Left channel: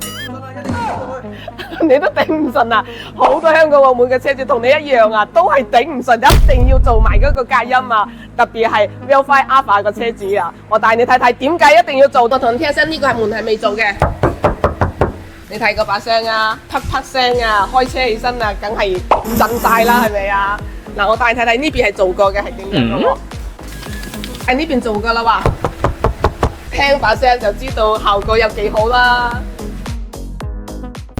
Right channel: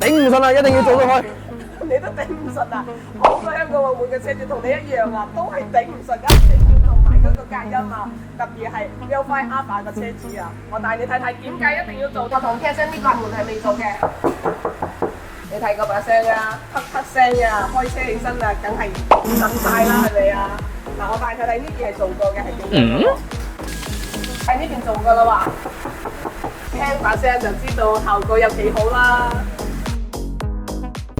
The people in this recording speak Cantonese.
頂唔順啦，一定要做到佢。你都頂唔順啊！好多香港澳門嘅車主同你一樣啊，都係頂唔順，一定要做埋嗰個隔音啊！特別係 Vios Alpha 個車主啊，我帶你睇睇點解一定要做到。同你聽聲，呢個係門係未做嘅。你睇嗰把聲啊，啪啪聲啊，開車起身啊，梗係震晒啦，係咪啊？嗱，我帶你睇睇呢邊係做過嘅，係點樣嘅喎？喺呢邊做噶啦喎，聽把聲就知道效果有幾好啦。